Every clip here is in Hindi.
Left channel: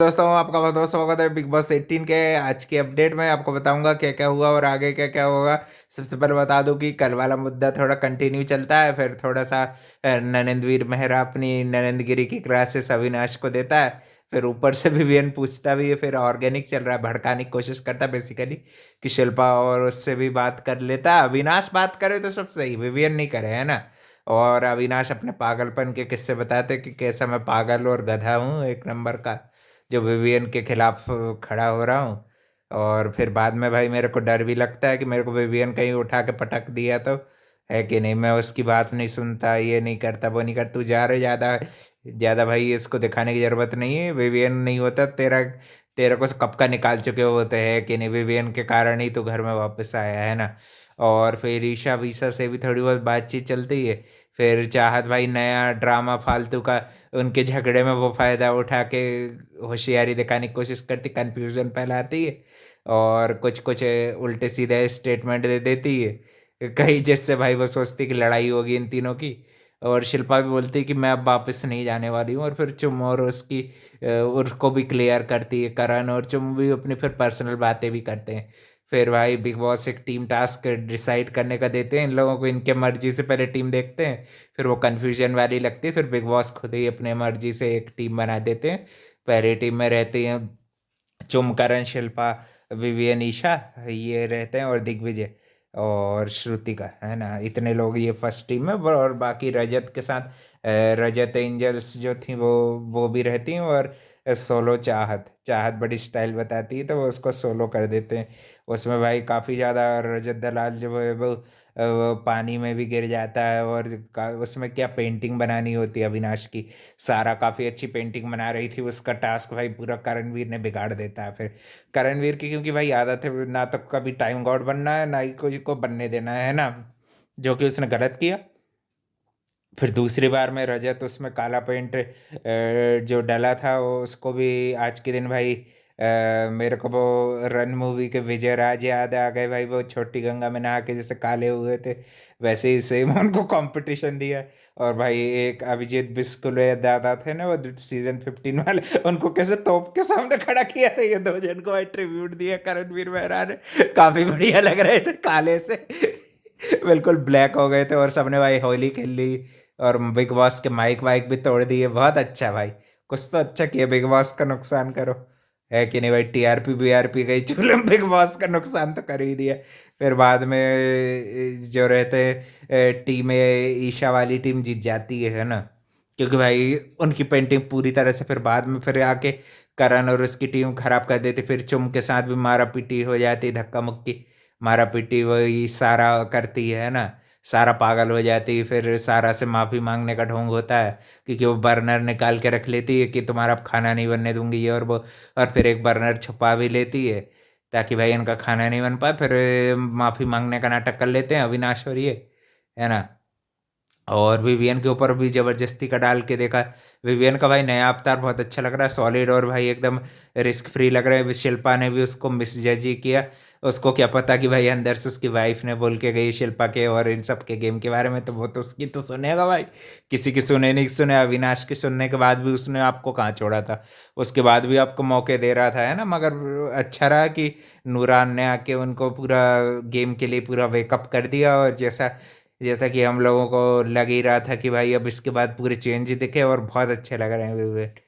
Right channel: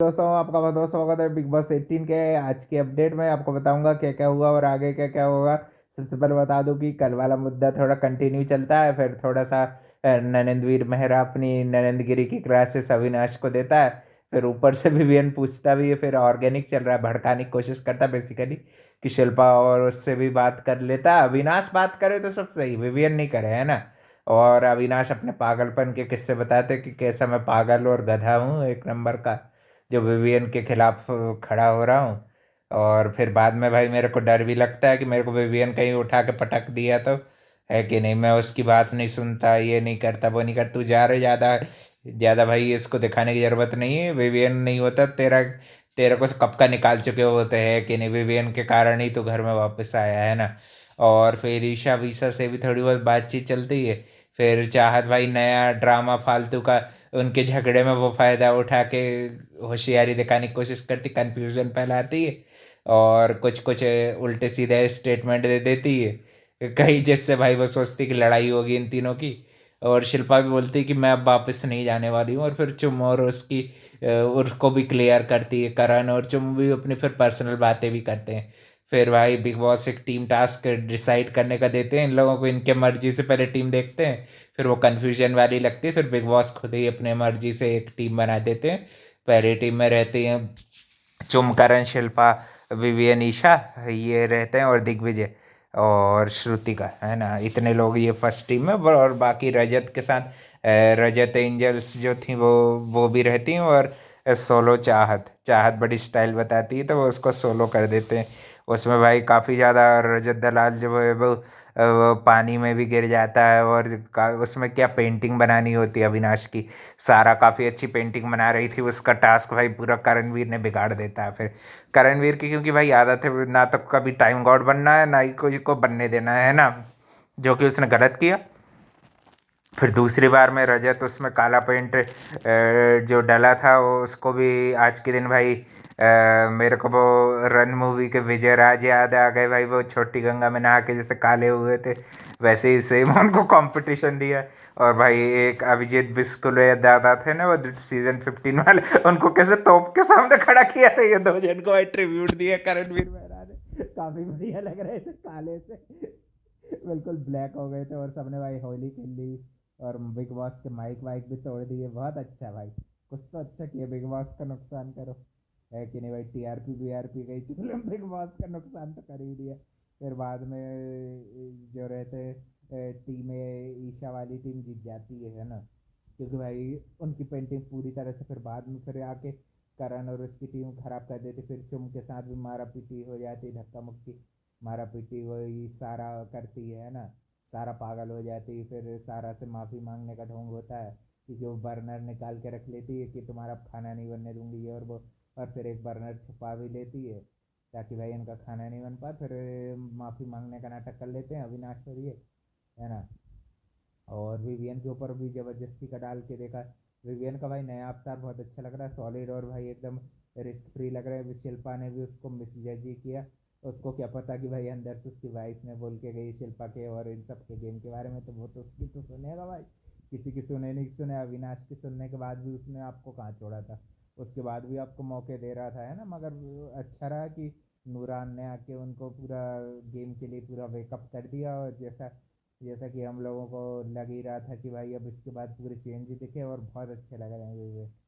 दोस्तों आपका बहुत बहुत स्वागत है बिग बॉस 18 के आज की अपडेट में। आपको बताऊंगा क्या क्या हुआ और आगे क्या क्या होगा। सबसे पहले बता दूं कि कल वाला मुद्दा थोड़ा कंटिन्यू चलता है, फिर थोड़ा सा नरेंद्रवीर मेहरा अपनी नरेंद्रगिरी की क्लासेस अविनाश को देता है। फिर ऊपर से विवियन पूछता भी है, फिर ऑर्गेनिक चल रहा है, भड़काने की कोशिश करता है बेसिकली कि शिल्पा और उससे भी बात कर लेता है। अविनाश बात करे तो सब सही, विवियन नहीं करे, है ना। और अविनाश अपने पागलपन के किस्से बताते कि कैसा मैं पागल और गधा हूँ एक नंबर का, जो विवियन के खिलाफ खड़ा हो रहा हूँ। और फिर बाद में भाई मेरे को डर भी लगता है कि मेरे को विवियन कहीं उठा के पटक दिया तो, है कि नहीं। मैं उसकी बात नहीं सुनता, ये नहीं करता, वो नहीं करता। तू जा रहे ज़्यादा ज़्यादा भाई, इसको दिखाने की ज़रूरत नहीं है। विवियन नहीं होता तेरा, तेरे को कब का निकाल चुके होते हैं कि नहीं। विवियन के कारण ही तू घर में वापस आया है ना। और फिर ईशा वीशा से भी थोड़ी बहुत बातचीत चलती है। फिर चाहत भाई नया ड्रामा फालतू का, उनके झगड़े में वो फायदा उठा के होशियारी दिखाने की कोशिश करती, कंफ्यूजन फैलाती है और कुछ कुछ उल्टे सीधे स्टेटमेंट दे देती है कहीं, जिससे भाई वो सोचती कि लड़ाई होगी इन तीनों की। और शिल्पा भी बोलती है कि मैं अब वापस नहीं जाने वाली हूँ। और फिर चुम और उसकी उसको भी क्लियर करती है करण, और चुम भी अपनी फिर पर्सनल बातें भी करते हैं। फिर भाई बिग बॉस एक टीम टास्क डिसाइड करने का देते हैं इन लोगों को, इनके मर्जी से पहले टीम देखते हैं। फिर वो कन्फ्यूजन वाली लगती है, फिर बिग बॉस खुद ही अपने मर्जी से एक टीम बना देते हैं। पहली टीम में रहती हैं चुमकरण, शिल्पा, विवियन, ईशा, ये रहते हैं, और दिग्विजय और श्रुतिका, है ना। इतने लोग ये फर्स्ट टीम में। और बाकी रजत के साथ रजत एंजल्स जो थी वो भी रहती हैं। और सोलो चाहत चाहत बड़ी स्टाइल बताती है तो वो उसको सोलो कर देते हैं। उसमें भाई काफ़ी ज़्यादा रजत दलाल जो है वो पानी में भी गिर जाता है। और उसमें क्या पेंटिंग बनानी होती है अविनाश की। सारा काफ़ी अच्छी पेंटिंग बना रही थी, उसका टास्क भाई पूरा करणवीर ने बिगाड़ देता है। फिर करणवीर की क्योंकि भाई आदत है ना, तो कभी टाइम गॉड बनना है ना ही कोई को बनने देना है ना, जो कि उसने गलत किया। फिर दूसरी बार में रजत उसमें काला पेंट जो डला था वो उसको भी आज के दिन भाई मेरे को वो रन मूवी के विजय राज याद आ गए भाई। वो छोटी गंगा में नहा के जैसे काले हुए थे, वैसे ही सेम उनको कंपटीशन दिया। और भाई एक अभिजीत बिस्कुल या दादा थे ना वो सीजन 15 वाले, उनको कैसे तोप के सामने खड़ा किया था, ये दो जन को भाई ट्रिब्यूट दिया करणवीर मेहरा ने। काफी बढ़िया लग रहे थे काले से बिल्कुल ब्लैक हो गए थे। और सबने भाई होली खेल ली और बिग बॉस के माइक वाइक भी तोड़ दिए। बहुत अच्छा भाई, कुछ तो अच्छा किया, बिग बॉस का नुकसान करो, है कि नहीं भाई। टीआरपी बीआरपी गई चूल्हे में, बिग बॉस का नुकसान तो कर ही दिया। फिर बाद में जो रहते टीम ईशा वाली टीम जीत जाती है ना, क्योंकि भाई उनकी पेंटिंग पूरी तरह से फिर बाद में फिर आके करण और उसकी टीम खराब कर देती। फिर चुम के साथ भी मारा पीटी हो जाती, धक्का मुक्की मारा पीटी वही सारा करती है ना। सारा पागल हो जाती है, फिर सारा से माफ़ी मांगने का ढोंग होता है, क्योंकि वो बर्नर निकाल के रख लेती है कि तुम्हारा अब खाना नहीं बनने दूंगी ये और वो। और फिर एक बर्नर छुपा भी लेती है ताकि भाई इनका खाना नहीं बन पाए। फिर माफ़ी मांगने का नाटक कर लेते हैं अविनाश और ये, है ना। और विवियन के ऊपर भी जबरदस्ती का डाल के देखा। विवियन का भाई नया अवतार बहुत अच्छा लग रहा है, सॉलिड और भाई एकदम रिस्क फ्री लग रहा है। शिल्पा ने भी उसको मिसजज ही किया। उसको क्या पता कि भाई अंदर से उसकी वाइफ ने बोल के गई शिल्पा के और इन सब के गेम के बारे में, तो वो तो उसकी तो सुनेगा भाई। किसी की सुने नहीं सुने, अविनाश की सुनने के बाद भी उसने आपको कहाँ छोड़ा था। उसके बाद भी आपको मौके दे रहा था, है ना। मगर अच्छा रहा कि नूरान ने आके उनको पूरा गेम के लिए पूरा वेकअप कर दिया। और जैसा जैसा कि हम लोगों को लग ही रहा था कि भाई अब इसके बाद पूरे चेंज दिखे, और बहुत अच्छे लग रहे हैं विवेक।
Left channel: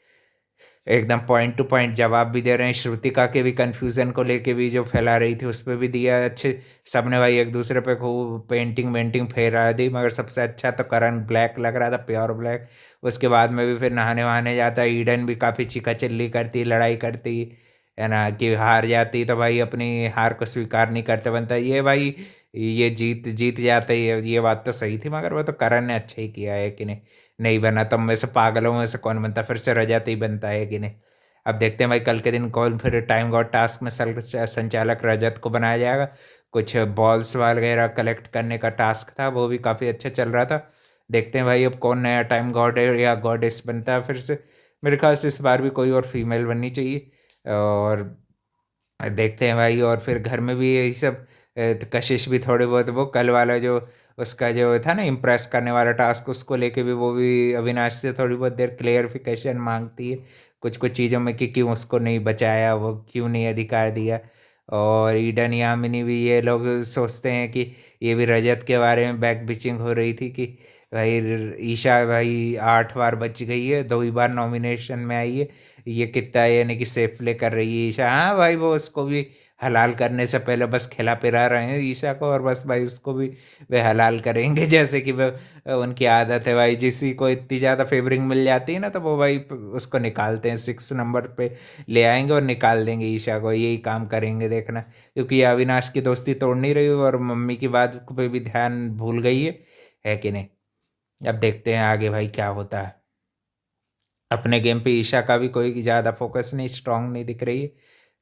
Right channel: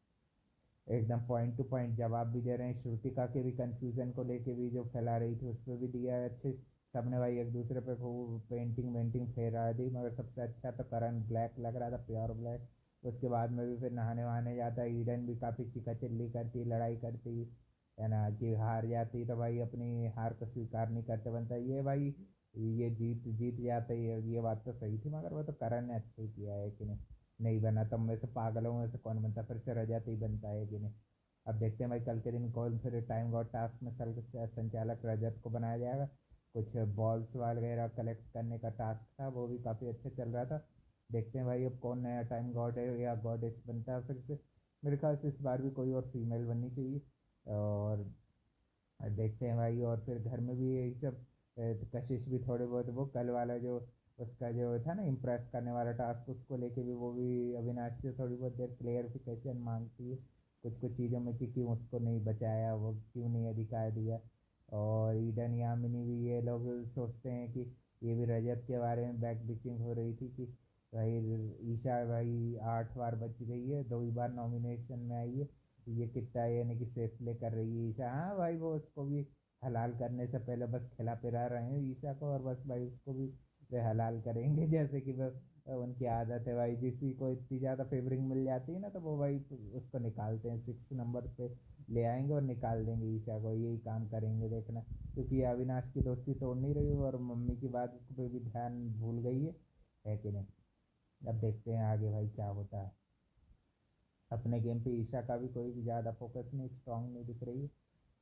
एकदम पॉइंट टू पॉइंट जवाब भी दे रहे हैं। श्रुतिका के भी कन्फ्यूज़न को लेके भी जो फैला रही थी उस पर भी दिया अच्छे। सबने भाई एक दूसरे पे खूब पेंटिंग वेंटिंग फेरा दी, मगर सबसे अच्छा तो करण ब्लैक लग रहा था, प्योर ब्लैक। उसके बाद में भी फिर नहाने वहाने जाता है, ईडन भी काफ़ी चीका चिल्ली करती, लड़ाई करती, है ना। कि हार जाती तो भाई अपनी हार को स्वीकार नहीं करते बनता ये भाई। ये जीत जीत जाते ही है, ये बात तो सही थी। मगर वो तो करण ने अच्छा ही किया है कि नहीं। नहीं बना तो में से पागलों में से कौन बनता, फिर से रजत ही बनता है कि नहीं। अब देखते हैं भाई कल के दिन कौन फिर टाइम गॉड टास्क में संचालक रजत को बनाया जाएगा। कुछ बॉल्स वगैरह कलेक्ट करने का टास्क था, वो भी काफ़ी अच्छा चल रहा था। देखते हैं भाई अब कौन नया टाइम गॉड है या गॉडेस बनता है फिर से। मेरे ख्याल से इस बार भी कोई और फीमेल बननी चाहिए। और देखते हैं भाई। और फिर घर में भी यही सब कशिश भी थोड़े बहुत, वो कल वाला जो उसका जो था ना इम्प्रेस करने वाला टास्क, उसको लेके भी वो भी अविनाश से थोड़ी बहुत देर क्लेरिफिकेशन मांगती है। कुछ चीज़ों में कि क्यों उसको नहीं बचाया, वो क्यों नहीं अधिकार दिया। और ईडन यामिनी भी ये लोग सोचते हैं कि ये भी रजत के बारे में बैक बिचिंग हो रही थी कि भाई ईशा भाई 8 बार बच गई है, 2 ही बार नॉमिनेशन में आई है, ये कितना यानी कि सेफ प्ले कर रही है ईशा। हाँ भाई, वो उसको भी हलाल करने से पहले बस खिला पिला रहे हैं ईशा को, और बस भाई उसको भी वे हलाल करेंगे जैसे कि वो उनकी आदत है भाई। किसी को इतनी ज़्यादा फेवरिंग मिल जाती है ना, तो वो भाई उसको निकालते हैं, 6 नंबर पे ले आएंगे और निकाल देंगे ईशा को, यही काम करेंगे देखना। क्योंकि ये अविनाश की दोस्ती तोड़ नहीं रही और मम्मी की बात पे भी ध्यान भूल गई है कि नहीं। अब देखते हैं आगे भाई क्या होता है। अपने गेम पे ईशा का भी कोई ज़्यादा फोकस नहीं, स्ट्रांग नहीं दिख रही है,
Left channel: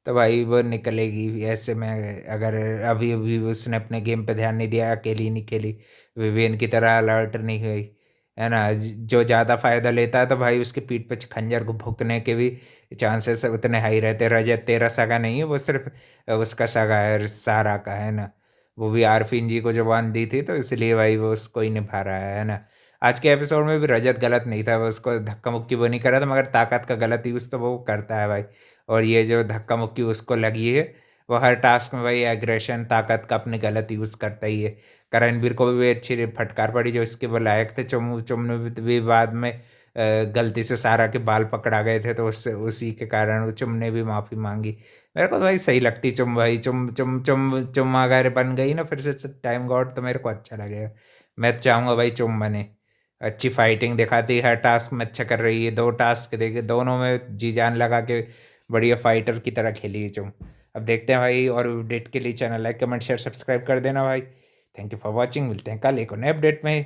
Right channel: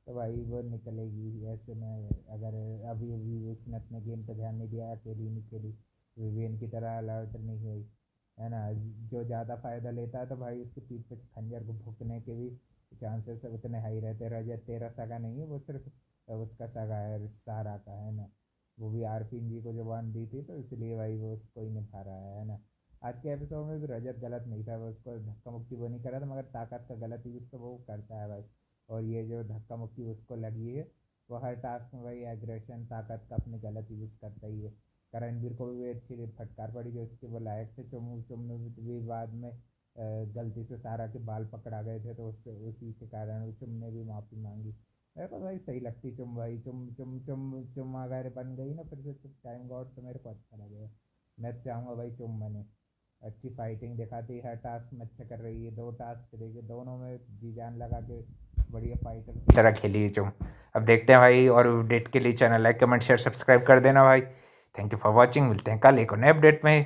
तो भाई वो निकलेगी ऐसे में। अगर अभी अभी उसने अपने गेम पे ध्यान नहीं दिया, अकेली नहीं खेली, विवियन की तरह अलर्ट नहीं हुई, है ना, जो ज़्यादा फ़ायदा लेता है तो भाई उसके पीठ पे खंजर को भुकने के भी चांसेस उतने हाई रहते हैं। रजत तेरा सगा नहीं है, वो सिर्फ उसका सगा है, सारा का, है ना। वो भी आरफिन जी को जुबान दी थी, तो इसलिए भाई वो उसको ही निभा रहा है ना। आज के एपिसोड में भी रजत गलत नहीं था, वो उसको धक्का मुक्की वो नहीं कर रहा था, मगर ताकत का गलत यूज़ तो वो करता है भाई। और ये जो धक्का मुक्की उसको लगी है, वो हर टास्क में भाई एग्रेशन ताकत का अपने गलत यूज़ करता ही है। करणवीर को भी अच्छी फटकार पड़ी, जो इसके वो लायक थे। चुमने भी बाद में गलती से सारा के बाल पकड़ा गए थे, तो उससे उसी के कारण वो चुम ने भी माफ़ी मांगी। मेरे को तो भाई सही लगती चुम भाई, चुम चुम चुम चुम अगर बन गई ना फिर से टाइम गॉड, तो मेरे को अच्छा लगेगा। मैं चाहूँगा भाई चुम बने, अच्छी फाइटिंग दिखाती है, हर टास्क में अच्छा कर रही है, 2 टास्क देखे दोनों में जी जान लगा के बढ़िया फाइटर की तरह खेली है तुम। अब देखते हैं भाई, और अपडेट के लिए channel like comment share subscribe कर देना भाई। थैंक यू फॉर वॉचिंग, मिलते हैं कल एक और नए अपडेट में।